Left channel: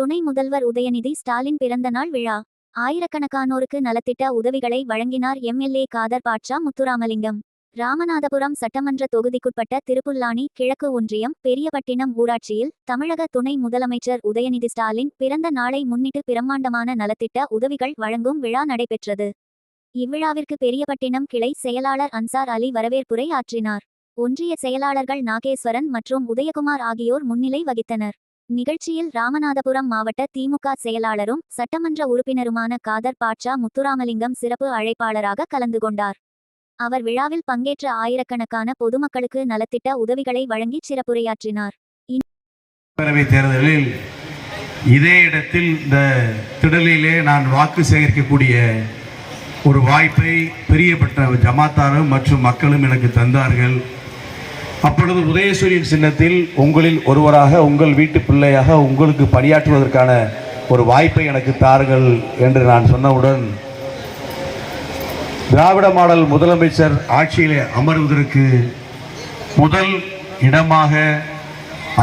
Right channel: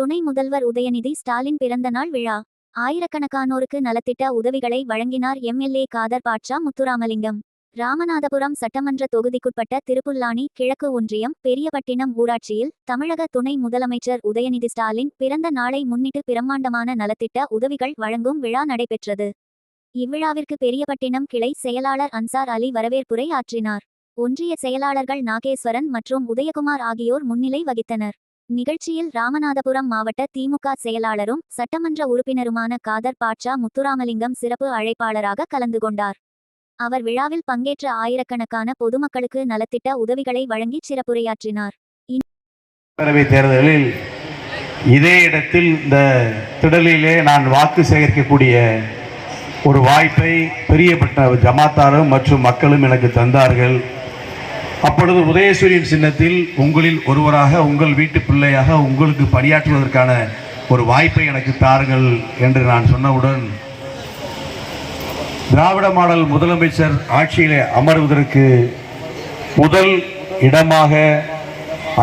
துணை முதல்வர் உதயநிதி ஸ்டாலின் பிறந்த நாள் விழா. ஆயிரக்கணக்கானோருக்கு நலத்திட்ட உதவிகளை வழங்கினார் எம்எல்ஏ காதர் பாட்ஷா முத்துராமலிங்கம். ராமநாதபுரம் சட்டமன்ற தொகுதிக்குட்பட்ட திருப்புல்லானி கிழக்கு ஒன்றியம் பெரியபட்டினம் ஊராட்சியில் தமிழக துணை முதலமைச்சர் உதயநிதி ஸ்டாலின் பிறந்த நாளை முன்னிட்டு பிரம்மாண்டமான நலத்திட்ட உதவிகள் வழங்கும் விழா நடைபெற்றது. இவ்விழாவிற்கு பெரியபட்டினம் கிளை செயலாளர் அன்சார் அலி வரவேற்புரை ஆற்றினார். ஒன்றிய செயலாளர்கள் நாகேஸ்வரன் மற்றும் உதயகுமார் ஆகியோர் முன்னிலை வகித்தனர். நிகழ்ச்சியில் ராமநாதபுரம் மாவட்ட திமுக செயலாளரும் சட்டமன்ற உறுப்பினருமான காதர் பாட்ஷா முத்துராமலிங்கம் சிறப்பு அழைப்பாளராக கலந்து கொண்டார். அவர் விழாவில் பங்கேற்ற ஆயிரக்கணக்கான பொதுமக்களுக்கு நலத்திட்ட உதவிகளை வழங்கி சிறப்புரையாற்றினார். பேரவைத் தேர்தலில் இதே இடத்தில் இந்த திடலிலே நான் வாக்கு சேகரிக்கக்கூடிய ஒரு வாய்ப்பை பெரியப்பட்ட ஜமாத்தாரும் மற்றும் மக்களும் எனக்கு தந்தார்கள். அப்பொழுது உதயசூரியன் சின்னத்தில் உங்களில் ஒருவராக, உங்கள் வீட்டு பிள்ளையாக உங்களுக்கு பணியாற்றுவதற்கான ஒரு வாய்ப்பை எனக்கு தாருங்கள் என்று நான் சொன்னவுடன் திராவிட மாடல் முதலமைச்சர் ஆட்சியிலே அமர்வதற்கு முதல் இடமாக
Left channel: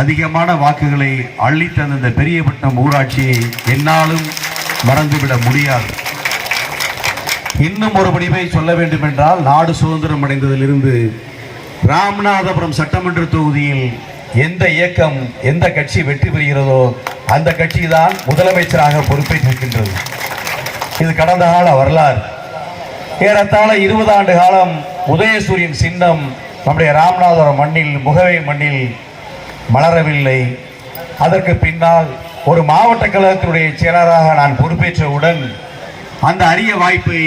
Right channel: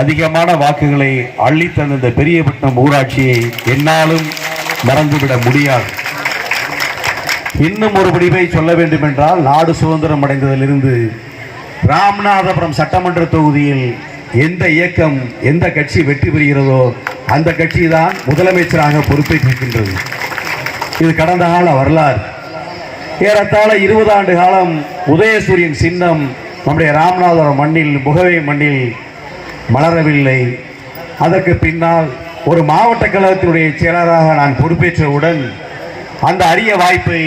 அதிகமான வாக்குகளை அள்ளித்தந்த இந்த பெரியபட்டினம் ஊராட்சியை என்னாலும் மறந்துவிட முடியாது. இன்னும் ஒரு முடிவை சொல்ல வேண்டும் என்றால், நாடு சுதந்திரம் அடைந்ததிலிருந்து ராமநாதபுரம் சட்டமன்ற தொகுதியில் எந்த இயக்கம், எந்த கட்சி வெற்றி பெறுகிறதோ அந்த கட்சி தான் முதலமைச்சராக பொறுப்பேற்றிருக்கின்றது. இது கடந்த கால வரலாறு. ஏறத்தாழ 20 ஆண்டு காலம் உதயசூரியன் சின்னம் நம்முடைய ராமநாதபுரம் மண்ணில், முகவை மண்ணில் மலரவில்லை. அதற்கு பின்னால் ஒரு மாவட்ட கழகத்தினுடைய செயலராக நான் பொறுப்பேற்றவுடன் அந்த அரிய வாய்ப்பை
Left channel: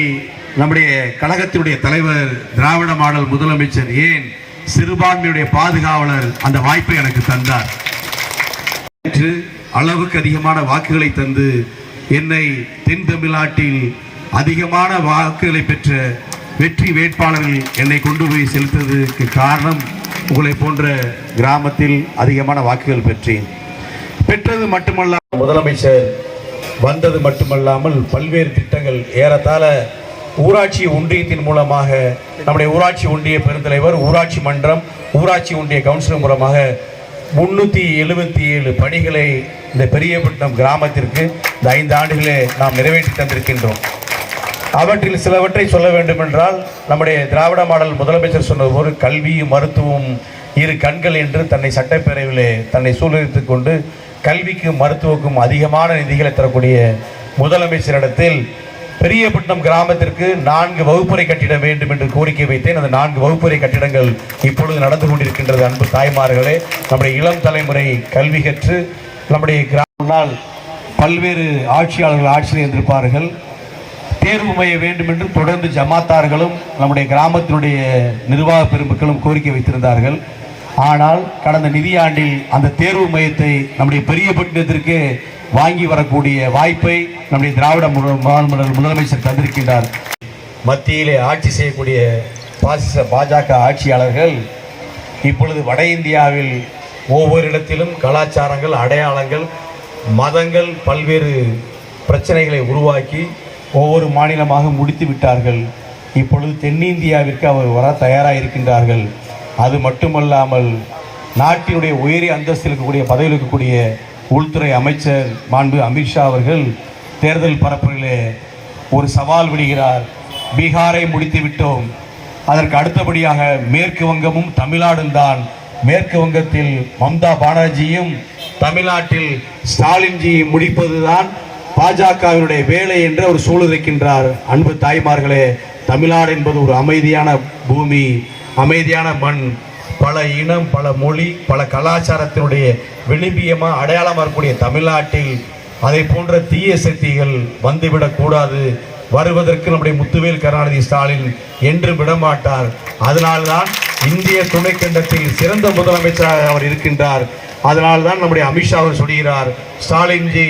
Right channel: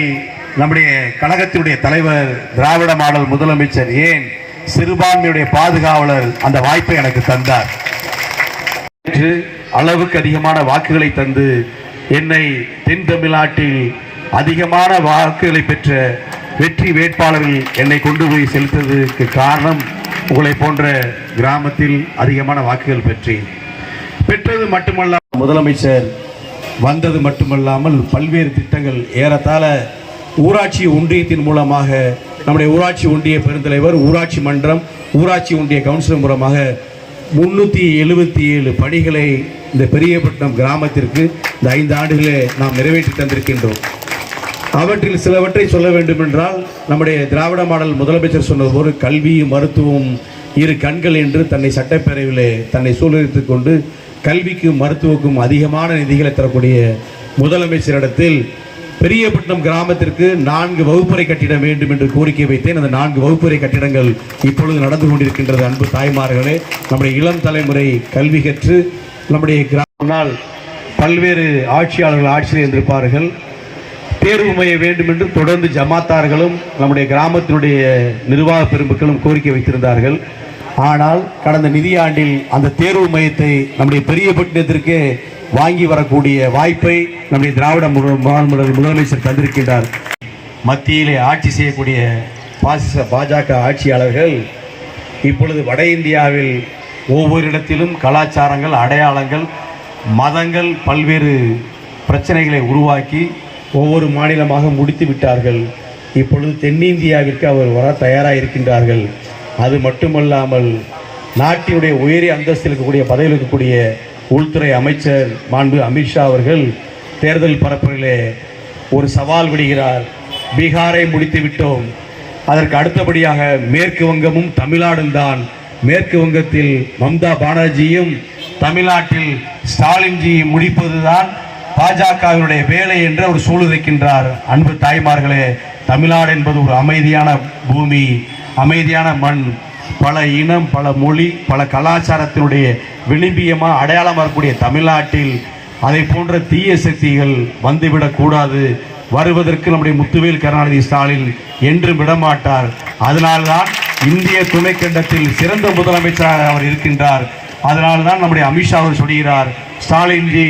நம்முடைய கழகத்தினுடைய தலைவர், திராவிட மாடல் முதலமைச்சர், ஏன் சிறுபான்மையுடைய பாதுகாவலர் அந்த வாய்ப்பை எனக்கு தந்தார். அளவுக்கு அதிகமான வாக்குகளை தந்து என்னை தென் தமிழ்நாட்டில் அதிகமான வாக்குகளை பெற்ற வெற்றி வேட்பாளர்கள் என்னை கொண்டு போய் செலுத்துவதற்கு காரணம், உங்களை போன்ற கிராமத்தில் அதிகமான வாக்குகள் பெற்றது மட்டுமல்லாமல் முதலமைச்சர் வந்தது மட்டுமல்லாமல் பல்வேறு திட்டங்கள், ஏறத்தாழ ஊராட்சி ஒன்றியத்தின் மூலமாக நம்முடைய ஊராட்சி ஒன்றிய பெருந்தலைவர், ஊராட்சி மன்றம், ஊராட்சி ஒன்றிய கவுன்சிலர் மூலமாக 377 பணிகளை இந்த பெரியபட்டினம் கிராமத்திற்கு இந்த 5 ஆண்டுகளே நாம் நிறைவேற்றி தந்திருக்கின்றோம். அவற்றில் சிலவற்றை சொல்ல வேண்டும் என்றால், நம்முடைய திராவிட மாடல் முதலமைச்சர் சொன்னது ஒரு கல்வி, மருத்துவம் இரு கண்கள் என்று தன்னை சட்டப்பேரவையிலே தன்னை சூழ்நிலைத்துக் கொண்டு கல்விக்கும் மருத்துவக்கும் அதிகமான நிதிகளை தரக்கூடிய முதலமைச்சரிடத்தில் பெரியபட்டினம் கிராமத்திற்கு 4 வகுப்பறை கட்டிடம் வேண்டும் என்று கோரிக்கை வைத்தேன். அந்த 4 வகுப்பறை கட்டிடங்கள் இப்பொழுது நடந்து கொண்டிருக்கின்றது. அன்பு தாய்மார்களே, நம்முடைய இளம் தலைமுறை கல்வி கற்று நம்முடைய கிராமனால் பல்வேறு ஆட்சியாளர்கள் ஆட்சியில் இருந்திருப்பார்கள். தேர்வு மைய வேண்டும் என்று தொடர்ந்து ஜமாத்தார்களும் நம்முடைய கிராமத்தினுடைய நிர்வாக பெருமக்களும் கோரிக்கை வைத்திருந்தார்கள். ஆனால் கடந்த நிதியாண்டில் அந்த தேர்வு மையத்தை நம்முடைய பெரியபட்டினத்திற்கு வாங்கி வரக்கூடிய வாய்ப்பை நம்முடைய திராவிட முதலமைச்சர் தந்திருக்கின்றார். மத்தியிலே ஆட்சி செய்யக்கூடிய பாஜக ஆட்சியாளர்கள் இப்பொழுது வட இந்தியாவில் ஒவ்வொரு இடத்திலும் கலாச்சாரங்கள், அடையாளங்கள், மதங்கள், பல்வேறு பிரச்சனைகளை உருவாக்கி ஒவ்வொரு மாநிலமாக முடித்து விட்டார்கள். இப்பொழுது தென்னிந்தியாவிற்கு அவர் வர தயாராக இருக்கின்றார்கள். அது மட்டுமல்லாமல் நாட்டினுடைய உயரிய அந்தஸ்தில் இருக்கக்கூடிய பதவியில் இருக்கக்கூடிய உள்துறை அமைச்சர் மாண்பு அமித்ஷா அவர்கள் தேர்தல் பரப்புரையிலே ஒரு சவால் விடுகிறார். பீகாரை முடித்து விட்டோம், அதற்கு அடுத்தபடியாக மேற்கு வங்கமும் தமிழ்நாடும் தான். மேற்கு வங்கத்தில் மம்தா பானர்ஜியும் தமிழ்நாட்டில் ஸ்டாலின்ஜியும் முடிப்பதுதான் பாஜகவினுடைய வேலை என்று அவர் சூழ்நிலைக்கின்றார். அன்பு தாய்மார்களே, தமிழ்நாடு என்பது ஒரு அமைதியான பூமி, அமைதியான மண், பல இனம், பல மொழி, பல கலாச்சாரத்தினுடைய விளிம்பியமாக அடையாளம் வரக்கூடிய தமிழ்நாட்டில் அதை போன்ற தீய சக்திகள் வந்துவிடக்கூடாது. வருவதற்கு நம்முடைய முத்துவேல் கருணாநிதி ஸ்டாலின் என்றும் விடமாட்டார். அதனால்தான் இந்திய துணைக்கண்டத்தில் சிறந்த முதலமைச்சராக அவர் இருக்கின்றார். அதனால்தான் நம்முடைய அமித்ஷா அவர் சொல்கிறார், ஸ்டாலின்ஜி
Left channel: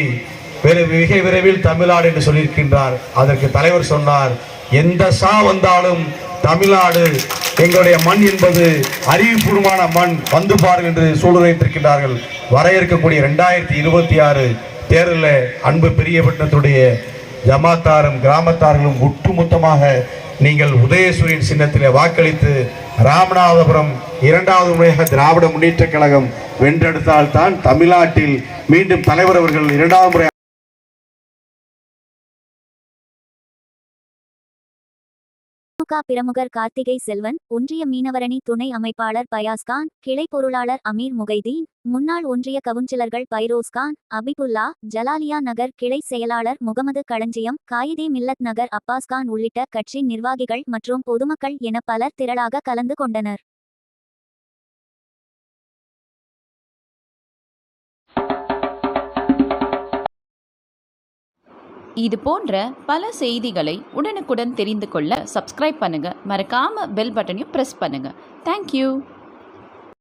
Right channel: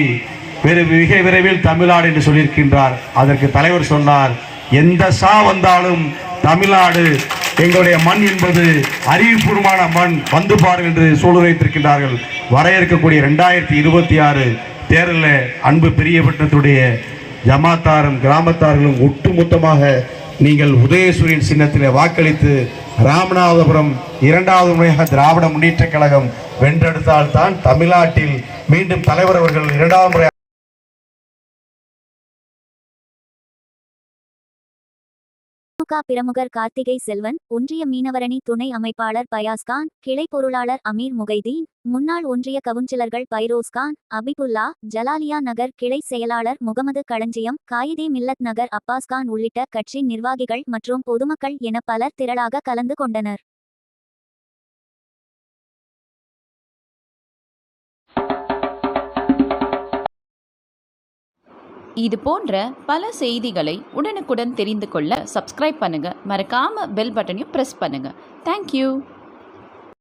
மிக விரைவில் தமிழ்நாடு என்று சொல்லியிருக்கின்றார். அதற்கு தலைவர் சொன்னார், எந்த சா வந்தாலும் தமிழ்நாடு எங்களுடைய மண் என்பது அறிவுபூர்வமான மண், வந்து பாருங்கள் என்று சூழ்நிலைத்திருக்கின்றார்கள். வர இருக்கக்கூடிய 2026 தேர்தலில் அன்பு பெரியபட்டினத்துடைய ஜமாத்தாரும் கிராமத்தார்களும் ஒட்டுமொத்தமாக நீங்கள் உதயசூரியன் சின்னத்திலே வாக்களித்து ராமநாதபுரம் இரண்டாவது முறையாக திராவிட முன்னேற்றக் கழகம் வென்றெடுத்தால்தான் தமிழ்நாட்டில் மீண்டும் தலைவர் அவர்கள் இரண்டாவது முறை திமுக பிரமுகர் கார்த்திகை செல்வன், ஒன்றிய மீனவரணி துணை அமைப்பாளர் பயாஸ்கான், கிளை பொருளாளர் அமீர் முகைதீன், முன்னாள் ஒன்றிய கவுன்சிலர்கள் பைரோஸ்கான், அபிபுல்லா, ஜலாலியா நகர் கிளை செயலாளர் முகமது களஞ்சியம், காயிதே மில்லத் நகர் அப்பாஸ்கான் உள்ளிட்ட கட்சி நிர்வாகிகள் மற்றும் பொதுமக்கள் என பலர் திரளாக கலந்து கொண்டனர். இது போன்ற பல செய்திகளை உடனுக்குடன் தெரிந்து கொள்ள சப்ஸ்கிரைப் பண்ணுங்க. மறக்காம பெல் பட்டனையும் பிரஸ் பண்ணுங்க. தேங்க்யூ.